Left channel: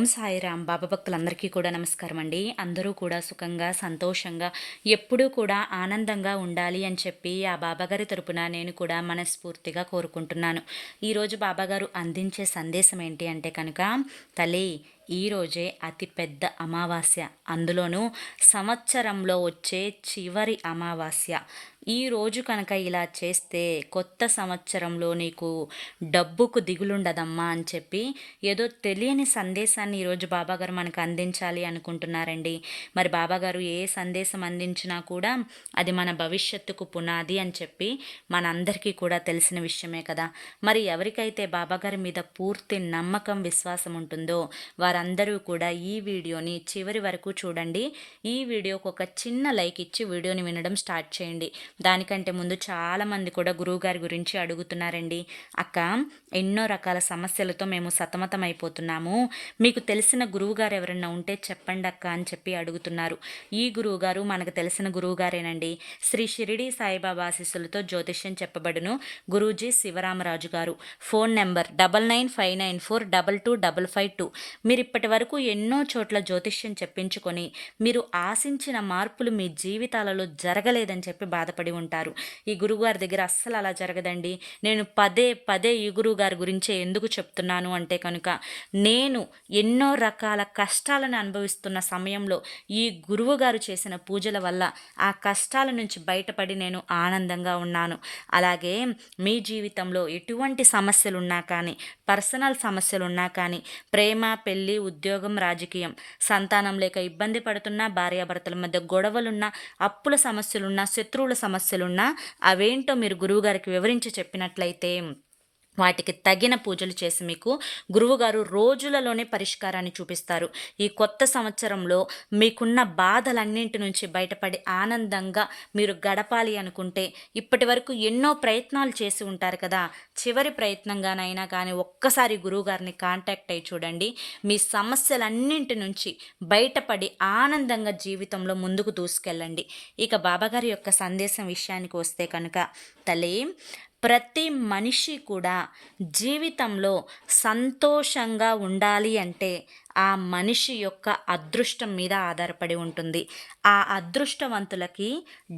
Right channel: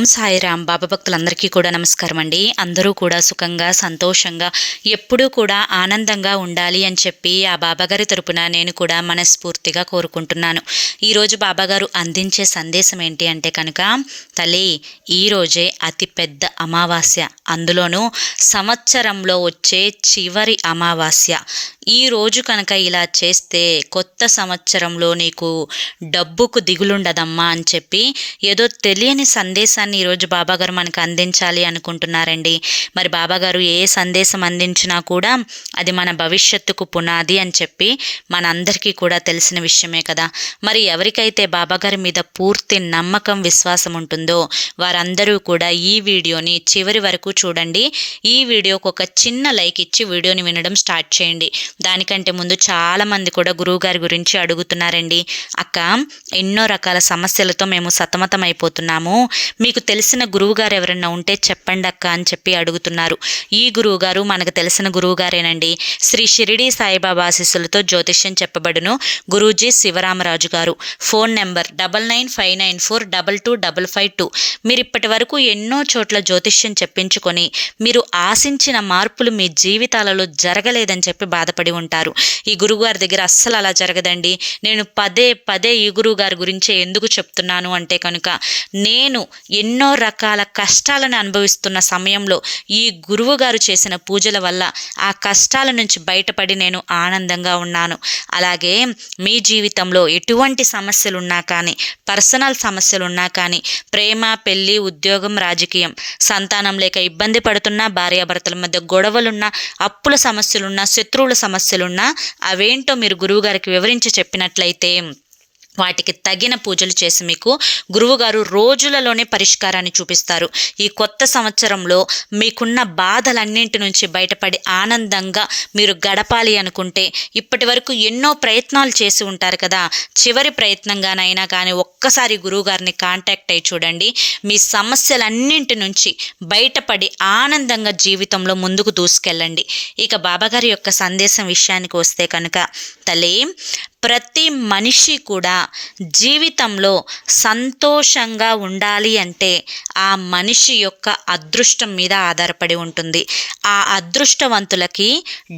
ఓం సాయిరామ్. బాబా భక్తులందరికీ కూడా నమస్కారం అండి. అందరూ కూడా సుఖంగా సంతోషంగా ఎప్పుడూ కూడా ఆనందంగా ఉండాలి అని చెప్పి ఆ బాబాగారి తరపున నేను కూడా మనస్ఫూర్తిగా కోరుకుంటున్నాను. ఈరోజు బాబాగారు అందించే సందేశం ఏంటి అంటే కనుక తల్లి ఈరోజే అతి పెద్ద అమావాస్య. అందులోనూ సంవత్సరంలో వచ్చే చివరి అమావాస్య. ఈ రోజు కనుక ఇలా చేస్తే కొత్త సంవత్సరంలో నీకు డబ్బుకు దిగులుండదమ్మా అని చెప్పి ఏదో తెలియని సందేశాన్ని ఈరోజు బాబాగారు మనకు అందించాలి అనుకుంటున్నారండి. మరి బాబాగారు ఏ సందేశం అందించినా కూడా అది మన భవిష్యత్తుకు పునాది అని చెప్పి మనందరికీ కూడా తెలిసిన విషయమే కదా. మరి ఎవరికైతే బాబాగారి మీద పూర్తి నమ్మకం విశ్వాసం ఉంటుందో వారందరూ కూడా ఈ వీడియోని చివరి వరకు చూడండి. ఈ వీడియోకు ఒక చిన్న లైక్ ఇచ్చి వీడియోని వినడం స్టార్ట్ చేయండి. దానికంటే ముందు చాలామంది కూడా గురువుగారి గురించి అడుగుతున్నారండి. అక్క ఎన్నో రకాల సమస్యలతో మేము సతమతం అయిపోతున్నాము మీకు తెలిసిన గురువుగారు ఎవరైనా ఉంటే చెప్పండి అక్క అని చెప్పి అడుగుతున్నారు. ఈ గురువుగారు మనకు తెలిసిన గురువుగారేనండి. శ్రీ షిరిడి సాయిబాబా ఆశీస్సులతో జ్యోతిష్యం చెప్పబడును. గురూజీ శివరామరాజు గారు. Phone number double nine five nine four double two double five two. మీరు ఇప్పటి వరకు ఎన్నో చోట్ల జ్యోతిష్యం చెప్పించుకొని మీరు ఆశించిన మార్పులు మీ జీవితాలలో జరగలేదని చెప్పి బాధపడి ఉంటారు. ఈ గురువుగారి దగ్గర అస్సలు అలా జరగదండి. నేను పదే పదే ఈ గురువుగారి గురించే ఎందుకు చెప్తున్నాను అంటే కనుక నేను ఎన్ని ఎన్నో రకాల కష్టాలను అనుభవిస్తున్న సమయంలో ఈ గురువు గారు చేసిన పూజల వల్ల ఆ కష్టాల నుంచి బయటపడి నేను ఆనందంగా ఉన్నాను. అలాగే మీ జీవితంలో ఎటువంటి సమస్యలు ఉన్నా కానీ పర్సనల్ సమస్యలు ఉన్నా కానీ ప్రేమ పెళ్ళి ఉద్యోగం రాజకీయం సంతానం లేక ఇబ్బంది పడుతున్నా భార్యాభర్తల మధ్య గొడవలున్నా అప్పుల సమస్యలున్నా శత్రువుల సమస్యలున్నా అవేంటో మీరు గురువుగారికి వివరించి చెప్పినట్లయితే వాటికి తగిన పూజలు చేసి మీకు గురువుగారు రోజులలోనే పరిష్కారాన్ని చూపిస్తారు. ఈ కొత్త సంవత్సరంలో మీకున్న బాధలన్నింటి నుంచి బయటపడి ఆనందంగా మీరు గడపాలి అనుకుంటే ఇప్పటి వరకు ఎన్నో ప్రయత్నాలు చేసి ఉంటారు కదా. చివరి ప్రయత్నంగానైనా కానీ ఒక్కసారి గురువుగారిని కాంటాక్ట్ అయ్యి చూడండి. మీ సమస్యలన్నింటి నుంచి బయటపడి ఆనందంగా జీవితంలో ముందుకు దూసుకెళ్ళండి. ఇక బాబాగారి యొక్క సందేశం విషయానికి వస్తే కనుక తల్లి ప్రతి మనిషి కూడా జీవితంలో సంతోషంగా ఉండాలి అంటే ఆ మనిషి యొక్క అదృష్టం మీద ఆధారపడి ఉంటుంది. ఆ అదృష్టవంతులకి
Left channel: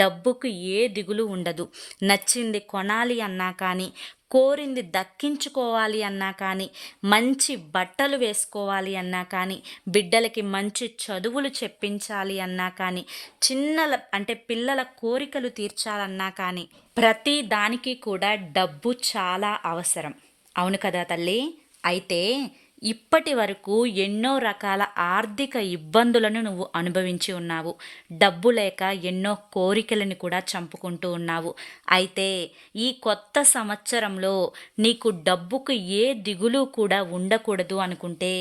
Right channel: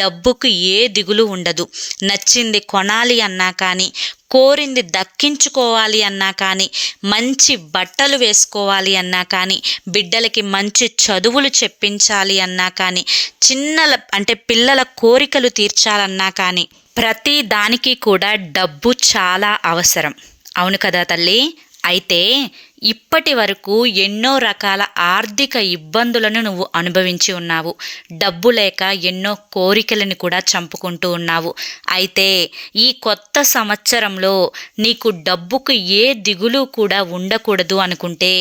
డబ్బుకు ఏ దిగులు ఉండదు. నచ్చింది కొనాలి అన్నా కానీ కోరింది దక్కించుకోవాలి అన్నా కానీ మంచి బట్టలు వేసుకోవాలి అన్నా కానీ బిడ్డలకి మంచి చదువులు చెప్పించాలి అన్నా కానీ చిన్నల అంటే పిల్లల కోరికలు తీర్చాలన్నా కానీ ప్రతి దానికి కూడా డబ్బు చాలా అవసరం. అవును కదా తల్లి? అయితే ఇప్పటి వరకు ఎన్నో రకాల ఆర్థిక ఇబ్బందులను నువ్వు అనుభవించి ఉన్నావు. డబ్బు లేక ఎన్నో కోరికలను కూడా చంపుకుంటూ ఉన్నావు. అయితే ఈ కొత్త సంవత్సరంలో నీకు డబ్బుకు ఏ దిగులు కూడా ఉండకూడదు అనుకుంటే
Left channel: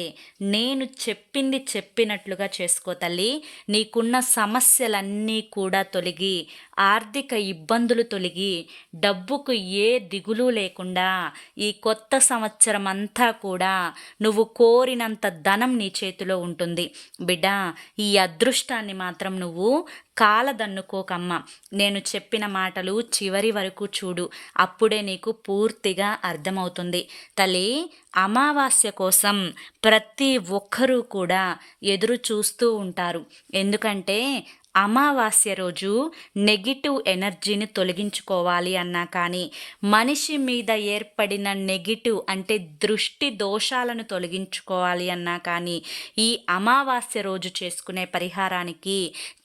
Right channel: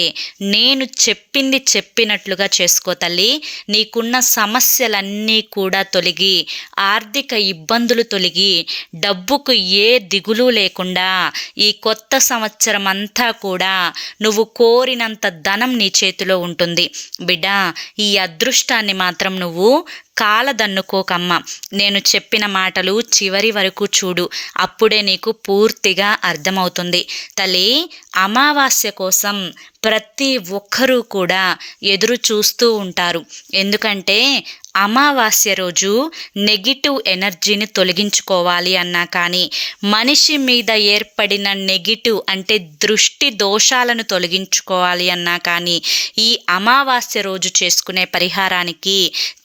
నేను చెప్పింది చెప్పినట్లుగా చేసుకో తల్లి. నీకున్న సమస్యలన్నీ కూడా తొలగి ఆర్థిక ఇబ్బందులు తొలగి డబ్బుకు ఏ దిగులు లేకుండా ఈ కొత్త సంవత్సరం అంతా కూడా నువ్వు కోరినంత ధనం నీ చేతిలో ఉంటుంది. బిడ్డ ఈ అదృష్టాన్ని మాత్రం నువ్వు కాలదన్నుకోకమ్మ. నేను చెప్పిన మాటలు చివరి వరకు చూడు. అప్పుడే నీకు పూర్తిగా అర్థమవుతుంది. తల్లి అమావాస్య కోసం ప్రతి ఒక్కరూ కూడా ఎదురు చూస్తూ ఉంటారు. ఎందుకంటే అమావాస్య రోజు నెగిటివ్ ఎనర్జీని తొలగించుకోవాలి అన్నా కానీ మనిషి మీద ఏర్పడిన నెగిటివ్ అంటే దృష్టి దోషాలను తొలగించుకోవాలి అన్నా కానీ ఈ అమావాస్య రోజు చేసుకునే పరిహారానికి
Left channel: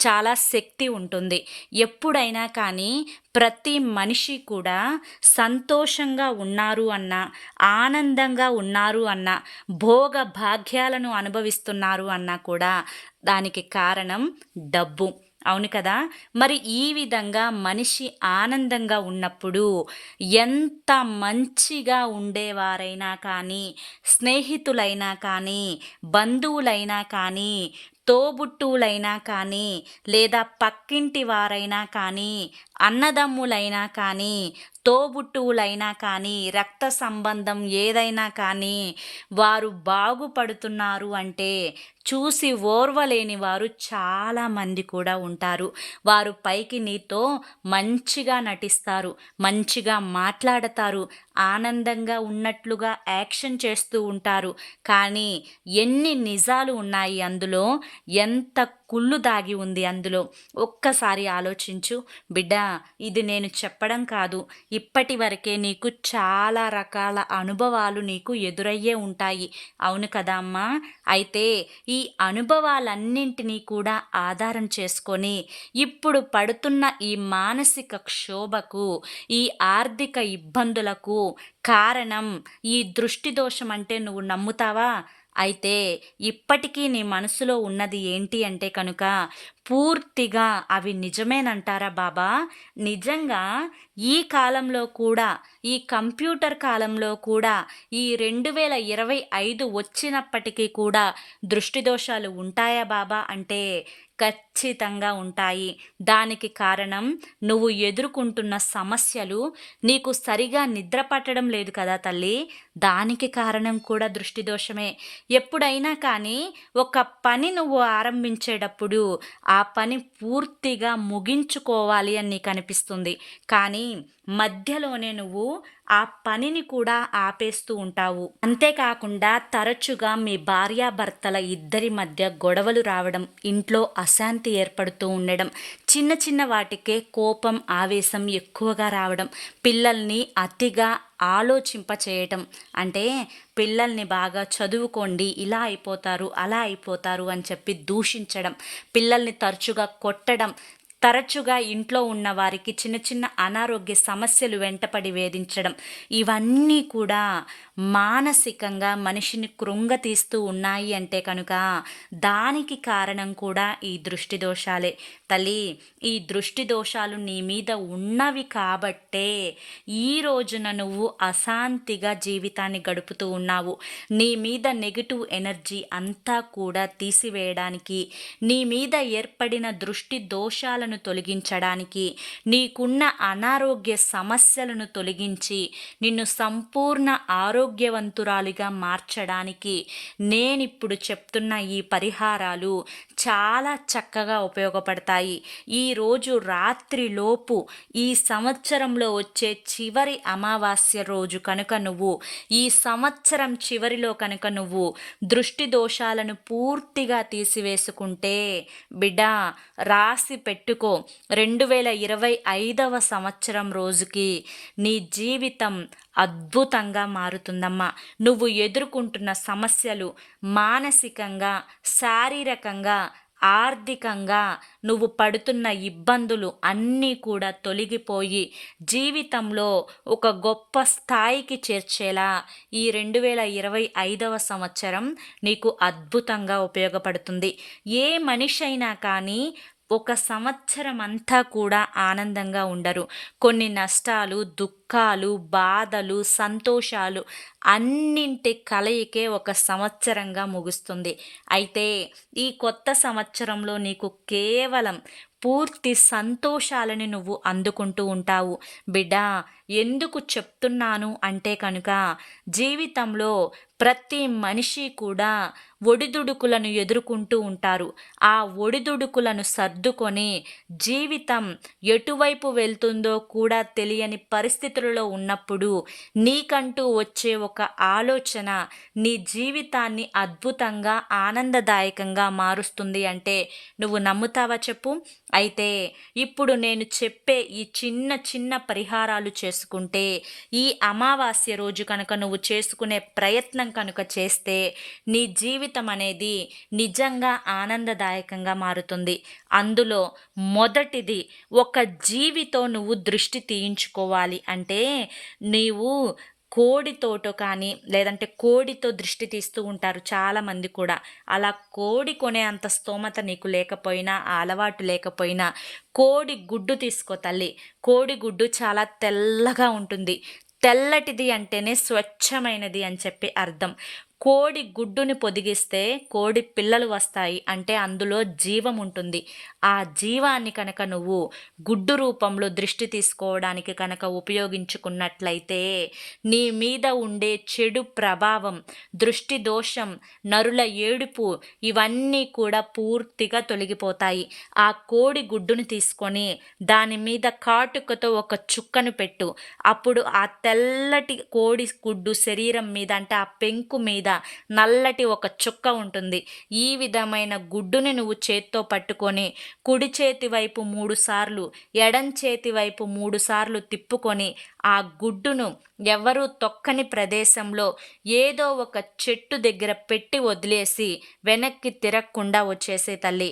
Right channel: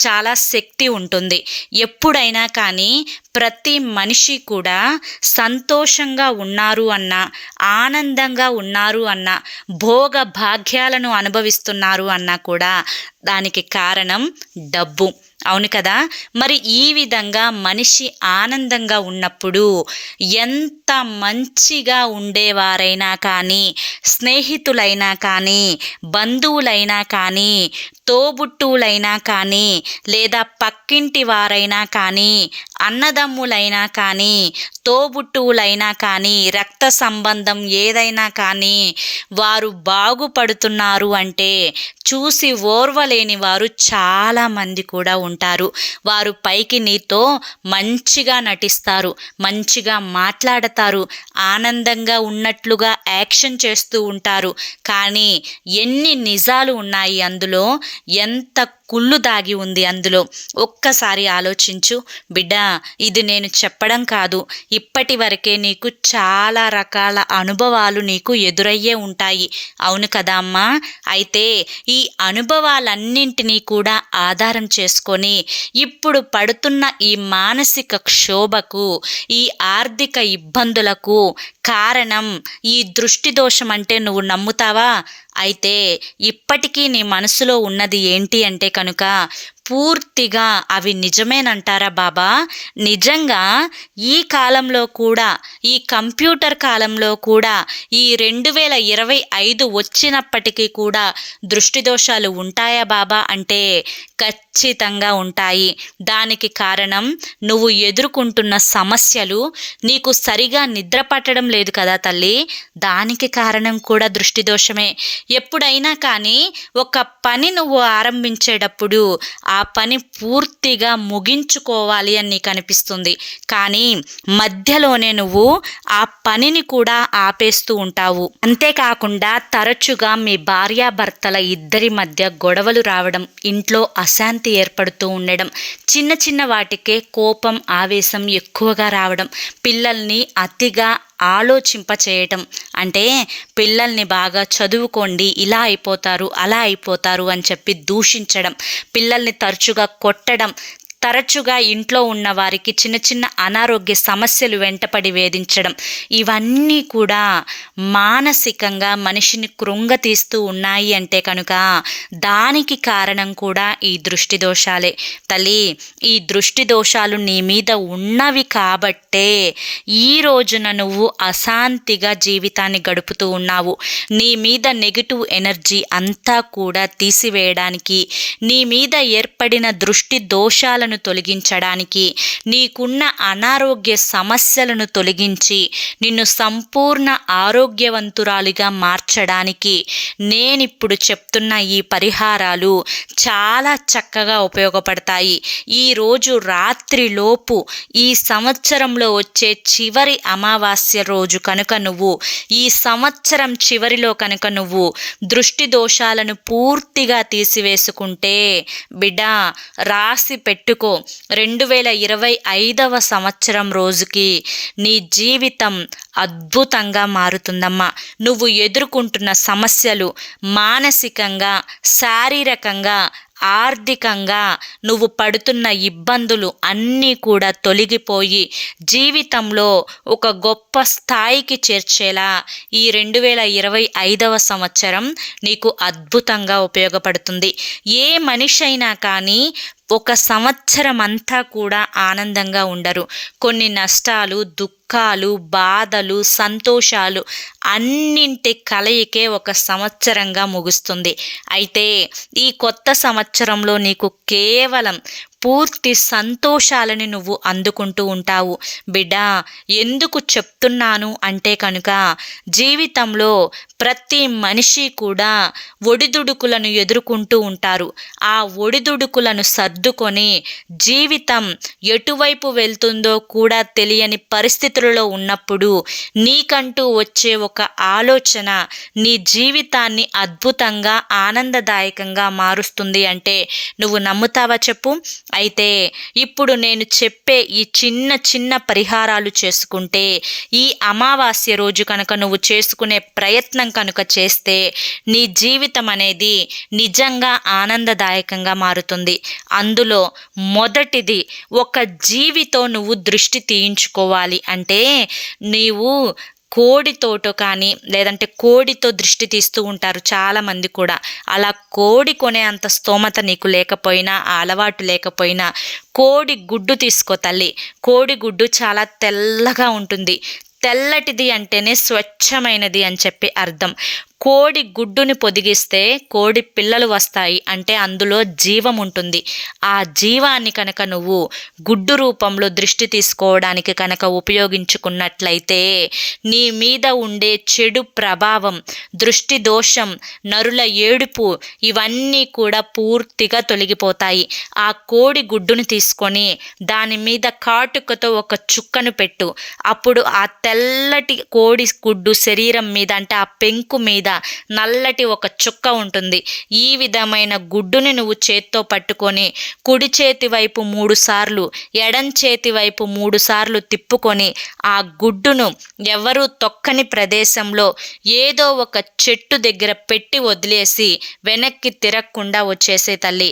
చాలా శక్తి ఉంటుంది. ఎప్పుడైనా కానీ ప్రతి మనిషి కూడా సంతోషంగా ఉన్నారు అన్న ఆనందంగా ఉన్నారు అన్న భోగ భాగ్యాలను అనుభవిస్తున్నారు అన్నా కూడా దానికి కారణం డబ్బు. అవును కదా? మరి ఈ విధంగా మనిషి ఆనందంగా ఉన్నప్పుడు ఎంత మంచిగా ఉండేవారైనా కానీ స్నేహితులైనా కానీ బంధువులైనా కానీ తోబుట్టువులైనా కానీ లేదా పక్కింటి వారైనా కానీ అన్నదమ్ములైనా కానీ తోబుట్టువులైనా కానీ రక్త సంబంధం ఏదైనా కానీ వారు బాగుపడుతున్నారు అంటే చూసి ఓర్వలేని వారు చాలామంది కూడా ఉంటారు. వారు పైకి నీతో మంచిగా నటిస్తారు మంచిగా మాట్లాడతారు ఆనందంగా ఉన్నట్లుగా యాక్షన్ చేస్తూ ఉంటారు. కానీ ఎన్ని నిజాలు ఉన్నాయి అందులో? ఎంత కుళ్ళు దాగి ఉంది అందులో. ఒక్కసారి ఆలోచించు బిడ్డ ఇది నేను చెప్పడం కాదు. ఇప్పటి వరకే నీకు చాలా రకాల అనుభవాలు నీకు ఎదురయ్యే ఉంటాయి. అవును కదా అమ్మా. అయితే ఈ అనుభవాలన్నింటినీ కూడా ఆధారం చేసుకొని ఇప్పుడు పడుతున్న ఈ మానసిక క్షోభకు ఈ ఆర్థిక ఇబ్బందులకు కారణం ఈ దృష్టి దోషం అంటే నువ్వు నమ్ముతావా? అయితే ఇప్పటికీ నీ మనసులో ఉన్నది ఏంటి అంటే కనుక పూర్తిగా అవి నిజమేనంటారా బాబా? నిజంగా ఈ కాలంలో కూడా ఈ కంప్యూటర్ కాలంలో కూడా ఈ రెండు వేల ఇరవై ఐదు వచ్చినప్పటికీ కూడా దృష్టి దోషాలు ఉంటాయా బాబా? అంటే ఖచ్చితంగా ఉంటాయి. దానికి కారణం నువ్వు ఎదుర్కొంటున్న సమస్యలు నీకు సరిగా నిద్ర పట్టడం లేదు కదా తల్లి? దానికి కారణం కూడా దృష్టి దోషమే ఎప్పుడైనా కానీ ఒక పని నువ్వు ఆరంభించేటప్పుడు ఆ పని పూర్తిగా ముగించుకోవాలి అని నీకు అనిపిస్తుంది. కానీ మధ్యలోనే నువ్వు ఆ పనిని కూడా ఆపేస్తూ ఉంటావు. అంతేకాకుండా తరచుగా మీ భార్యాభర్తల ఇద్దరి మధ్య గొడవలు రావడం ఇంట్లో అశాంతి ఏర్పడుతూ ఉండడం చిన్న చిన్న వాటికే కోపం ఆవేశం ఎక్కువగా రావడం పిల్లల్ని అతిగా ఆలోచింప చేయటం అంటే పిల్లల్ని బాగా చదువుకోండి ఇలా అయిపోతారు అలా అయిపోతారు అని చెప్పి దూషించడం పిల్లల్ని తరచుగా కొట్టడం తరచుగా ఇంట్లో ఉన్న వారికి చిన్న చిన్న అనారోగ్య సమస్యలు వెంటపడి వేధించడం. ఇవన్నీ కూడా మానసికంగా మనిషిని కృంగతీస్తూ ఉన్నాయి అంటే కనుక దానికి కారణం కూడా ఈ దృష్టి దోషాలే. తల్లి ఈ దృష్టి దోషాలు నీ మీద ఉన్నవి కాబట్టే ఈ రోజున నువ్వు అశాంతిగా జీవితాన్ని గడుపుతూ ఉన్నావు. నీ మీద నెగిటివ్ ఎనర్జీ అంతా కూడా తీసివేయడానికి నీ మీద ఏర్పడిన దృష్టి దోషాలను సమస్యలను తొలగించడానికి నీకున్న అనారోగ్య సమస్యలను తొలగించి నిన్ను సంపూర్ణ ఆరోగ్యవంతురాలిగా మార్చడానికి నేనిప్పుడు చెప్తున్న ఈ పరిహారాలు చాలా చక్కగా ఉపయోగపడతాయి. ఈరోజు రాత్రిలోపు ఈ సంవత్సరంలో వచ్చే చివరి అమావాస్య రోజు కనుక నువ్వు ఈ సంవత్సరం చివరిలో కనుక నువ్వు దృష్టి దోషాలను పూర్తిగా తీసివేసుకుంటే బిడ్డ రాసి పెట్టు పెట్టుకో రెండు వేల ఇరవై ఐదవ సంవత్సరం రోజుకి నీ జీవితం అద్భుతంగా మారుతుందమ్మా. నువ్వు ఎదుర్కొంటున్న సమస్యలు మానసికంగా శారీరకంగా ఆర్థికంగా నువ్వు పడుతున్న ఇబ్బందులు అన్నీ కూడా తొలగిపోయి జీవితంలో ఒక గొప్ప స్థాయికి చేర్చేలా ఈ రెండు వేల ఇరవై ఐదవ సంవత్సరం నీకు అద్భుతంగా ఉపయోగపడుతుంది. ఏ మనిషి అయినా కానీ ఒక సంవత్సరం అంతా కూడా ఆనందంగా ఉండరు. కొన్ని నష్టాలు దుఃఖాలు బాధలు సంతోషాలు అన్నింటి కలయికే ఒక సంవత్సరంగా ముగుస్తుంది. అయితే ఈ కొత్త సంవత్సరంలో నీకు కేవలం పూర్తి సంతోషాలని నువ్వు అందుకుంటూ ఉంటావు. బిడ్డ ఎందుకు చెప్తున్నాను అంటే కనుక జీవితంలో ప్రతి మనిషి కూడా ఒడిదుడుకులను ఎదుర్కొంటూ ఉంటారు. ఆ ఒడిదుడుకులను సర్దుకొని జీవితం ఎటువైపు వెళ్తుందో కూడా తెలియని పరిస్థితులలో ఉన్నప్పుడు నీకంటూ వచ్చే ఒక ఆలోచన నీ జీవితాన్ని అద్భుతంగా ఆనందదాయకంగా మారుస్తుంది అంటే నువ్వు నమ్ముతావా చెప్పు? అయితే ఇప్పుడు నేను చెప్పే ఈ చిన్న చిన్న పరిహారాలు చేసుకుంటే ఈ అమావాస్య రోజు కనుక నువ్వు చేసుకునే ప్రయత్నం కనుక చేస్తే నీ జీవితం అనేది నిజంగా ఆనందదాయకంగా మారుతుంది. అందులో మొదటిది ఒక జీవితో నువ్వు దృష్టి తీయించుకోవాలి. అంటే నీవు కోడితోటో కానీ లేదంటే కోడితో దృష్టి తీస్తూ ఉంటారు చాలామంది కూడా. అలా కోడి కొనే అంత స్తోమత నీకు లేకపోయినా ఆ అలవాటు లేకపోయినా కోడి గుడ్డు తీసుకో తల్లి. కోడి గుడ్డు చాలా తెల్లగా ఉంటుంది. తెల్లటిది అంటేనే స్వచ్ఛమైనది అని చెప్పి అర్థం. కోడి గుడ్డుని పొదిగిస్తే కోడి పిల్లలు వస్తాయి అంటే అందులో జీవం ఉంటుంది. ఆ జీవాన్ని కనుక నువ్వు గుడ్డు రూపంలో దృష్టి తీసుకోవడానికి కనుక ఉపయోగించుకున్నట్లయితే నీ మీద ఉండే చెడు ప్రభావం దృష్టి దోషం నరుల ఏడుపు ఇవన్నీ కూడా పూర్తిగా తొలగిపోతాయి. ఆ కోడి గుడ్డుని తీసుకొని దాని మీద కాటుకతో ఒక చుక్కను పెట్టు. అప్పుడు ఆ తెల్లటి కోడి గుడ్డు శరీరం మీద అంటే ఆ పెంకు మీద నల్లటి ఒక చుక్క ఉంటుంది. ఈ విధమైన గుడ్డుని నువ్వు చేత్తో పట్టుకొని కుడి చేతి వైపు మూడు సార్లు ఎడం చేతి వైపు మూడు సార్లు తిప్పుకొని ఆ గుడ్డును ఎవరు తొక్కని ప్రదేశంలో ఏదో ఒక చెట్టు దగ్గర పెట్టి వదిలేసి వెనక్కి తిరగకుండా వచ్చేసే తల్లి.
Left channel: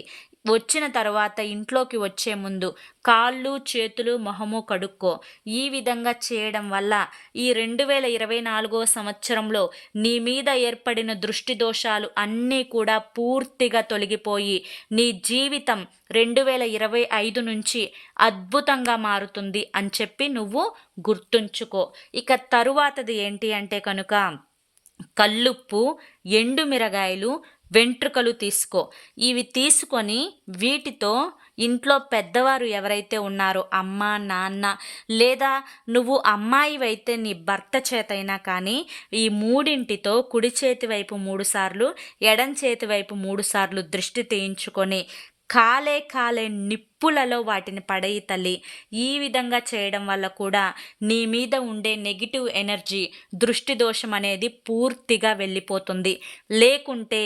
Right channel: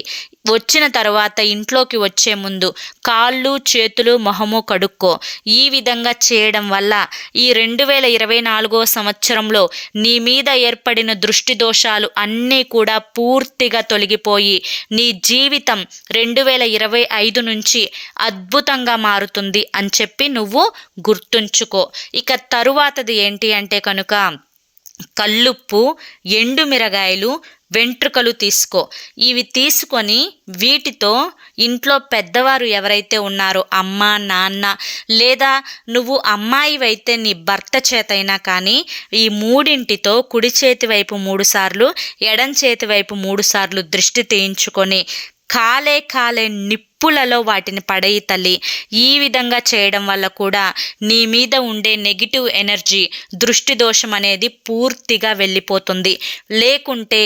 వచ్చిన తర్వాత ఇంట్లోకి వచ్చే ముందు కాళ్ళు చేతులు మొహము కడుక్కో. ఈ విధంగా చేయడం వల్ల ఈ రెండు వేల ఇరవై నాలుగో సంవత్సరంలో నీ మీద ఏర్పడిన దృష్టి దోషాలు అన్నీ కూడా పూర్తిగా తొలగిపోయి నీ జీవితం రెండు వేల ఇరవై ఐదు నుంచి అద్భుతంగా మారుతుంది అని చెప్పి నువ్వు గుర్తుంచుకో. ఇక తరువాతది ఏంటి అంటే కనుక కల్లుప్పు ఎండు మిరగాయలు వెంట్రుకలు తీసుకో. ఇవి తీసుకొని వీటితో ఇంట్లో పెద్దవారు ఎవరైతే ఉన్నారో అమ్మ నాన్న లేదా నువ్వు అమ్మాయివైతే నీ భర్త చేతైనా కానీ ఈ మూడింటితో కుడి చేతి వైపు మూడుసార్లు ఎడం చేతి వైపు మూడుసార్లు దృష్టి తీయించుకొని కాలే కాలే నిప్పులలో వాటిని పడేయి తల్లి. ఈ విధంగా చేయడం వల్ల కూడా నీ మీద ఉండే నెగిటివ్ ఎనర్జీ దృష్టి దోషం అనేది పూర్తిగా వెళ్ళిపోతుంది. లేకుంటే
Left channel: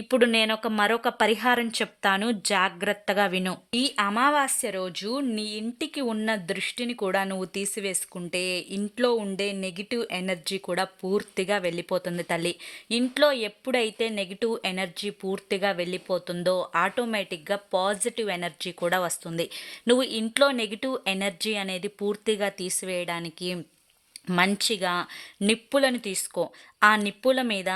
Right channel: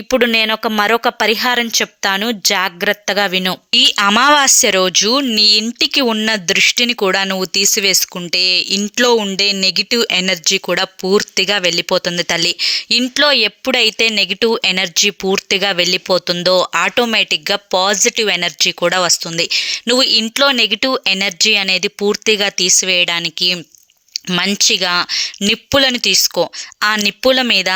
ఇప్పుడు నేను ఒక మరొక పరిహారం చెప్తాను. జాగ్రత్తగా విను. ఈ అమావాస్య రోజు నీ ఇంటికి ఉన్న దృష్టిని కూడా నువ్వు తీసివేసుకుంటే ఇంట్లో ఉండే నెగిటివ్ ఎనర్జీ కూడా పూర్తిగా వెళ్ళిపోతుంది తల్లి. ఇంట్లో ఎప్పుడైతే నెగిటివ్ ఎనర్జీ పూర్తిగా వెళ్ళిపోతుందో ఆటోమేటిక్గా పాజిటివ్ ఎనర్జీ కూడా వస్తుంది. వస్తుంది. నువ్వు ఇంట్లో నెగిటివ్ ఎనర్జీ అనేది పూర్తిగా తీసివేయడానికి మంచిగా నిప్పులను తీసుకో. ఆ నిప్పుల మీద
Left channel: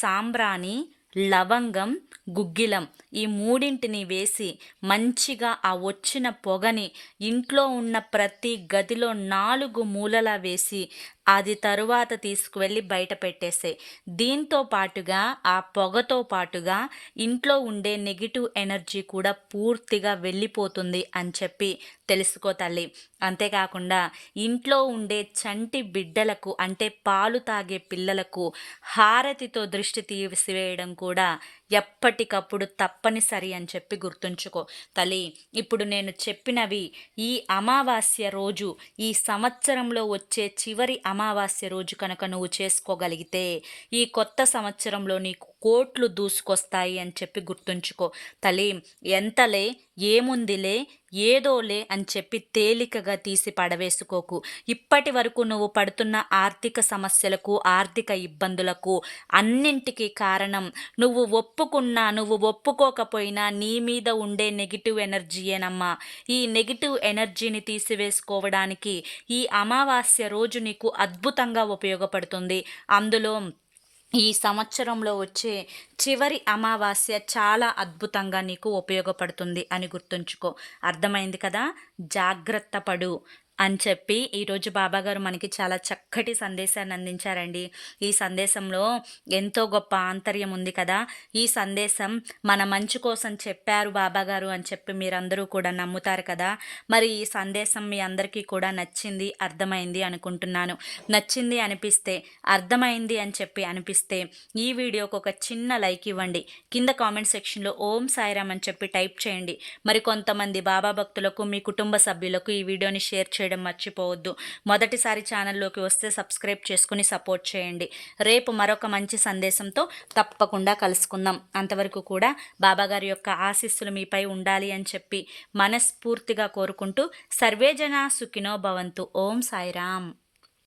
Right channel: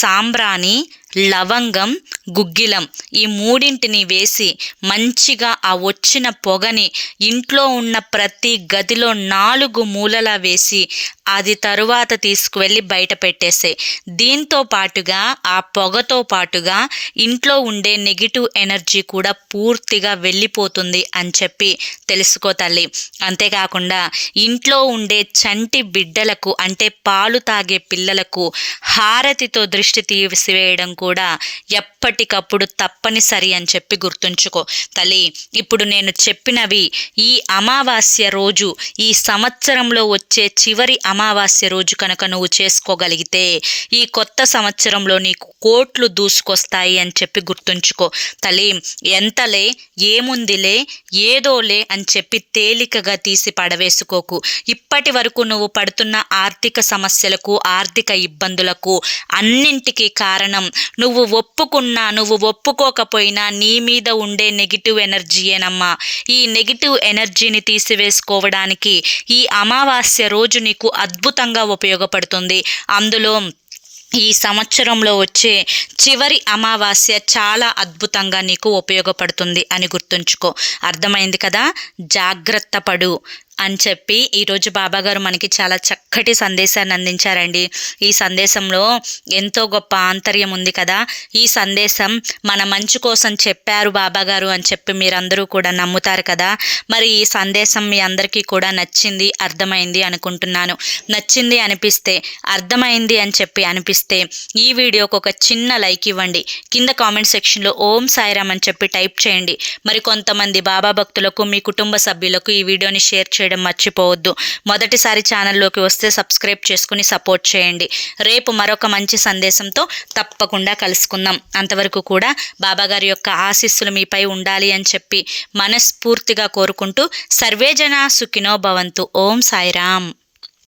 సాంబ్రాణి లవంగం గుగ్గిలం ఈ మూడింటిని వేసి మంచిగా ఆ వచ్చిన పొగని ఇంట్లో ఉన్న ప్రతి గదిలో నాలుగు మూలలా వేసి అది తరువాత తీసుకువెళ్ళి బయట పెట్టేసే దీంతో పాటుగా ఆ పొగతో పాటుగా ఇంట్లో ఉండే నెగిటివ్ ఎనర్జీ కూడా పూర్తిగా వెళ్ళిపోతుంది అని చెప్పి తెలుసుకో తల్లి. అంతేకాకుండా ఇంట్లో ఉండే చంటి బిడ్డలకు అంటే పాలు తాగే పిల్లలకు హారతితో దృష్టి తీసివేయడం కూడా ఎప్పటికప్పుడు తప్పనిసరి అని చెప్పి గుర్తుంచుకో. తల్లి ఇప్పుడు నేను చెప్పినవి ఈ అమావాస్య రోజు ఈ సంవత్సరంలో వచ్చే చివరి అమావాస్య రోజు కనుక నువ్వు చేసుకోగలిగితే ఈ కొత్త సంవత్సరంలో నీకు కోట్లు దూసుకొస్తాయి అని చెప్పి గుర్తుంచుకో. తల్లి ఎంతలే ఏముందిలే ఏదోలే అని చెప్పి తేలికగా తీసి పడవేసుకోకు. ఇప్పటి వరకు నువ్వు పడుతున్న ఆర్థిక సమస్యలకు ఆర్థిక ఇబ్బందులకు అన్నింటికీ కారణం నువ్వు ఒప్పుకున్నా నువ్వు ఒప్పుకోకపోయినా నీ మీద ఉండే నెగిటివ్ ఎనర్జీయేనమ్మా ఈ నెగిటివ్ ఎనర్జీని తీసివేసుకోవడానికి ఈ అమావాస్య రోజు నీకు అద్భుతంగా ఉపయోగపడుతుంది. అందులో ఈ సంవత్సరంలో వచ్చే చివరి అమావాస్య చాలా అద్భుతంగా నీకు ఉపయోగపడుతుంది అని గుర్తుంచుకో. అర్థమైంది కదా? జాగ్రత్త పడు. అని చెప్పి ఈరోజు బాబాగారు మనకి చాలా చక్కటి సందేశాన్ని అందించారండి. ఈ సందేశంలో ఎంతో గొప్ప ఆంతర్యం ఉంది కదా. ఈ సందేశం మన మంచి కోసం చెప్పారు బాబాగారు అని చెప్పి మీరందరూ కూడా నమ్ముతారు కదా. మరి ఈ సందేశం మీ అందరికీ కూడా నచ్చింది అర్థమైంది అనుకుంటున్నాను. నచ్చింది అనిపిస్తే అర్థమైంది అని చెప్పి అనిపిస్తే ఈ వీడియోకి ఒక చిన్న లైక్ ఇవ్వండి. కింద కామెంట్ సెక్షన్లో ఓం సాయిరామ్ అని చెప్పి టైప్ చేయండి. మరి కొంతమంది బాబా భక్తులకు మీ కుటుంబ సభ్యులకు ఈ వీడియోని షేర్ చేయండి. చేయడం మర్చిపోవద్దు. మొదటిసారి ఛానల్లోకి వస్తే సబ్స్క్రైబ్ చేసుకుని సపోర్ట్ చేయండి. రేపు మరొక మంచి సందేశంతో తప్పకుండా కలుసుకుందాం. అంతవరకు కూడా బాబాగారి యొక్క ఆశీస్సులు మీపై ఉండాలి అని చెప్పి మనస్ఫూర్తిగా కోరుకుంటూ సర్వేజన సుఖినో భవంతు. ఓం సాయిరామ్.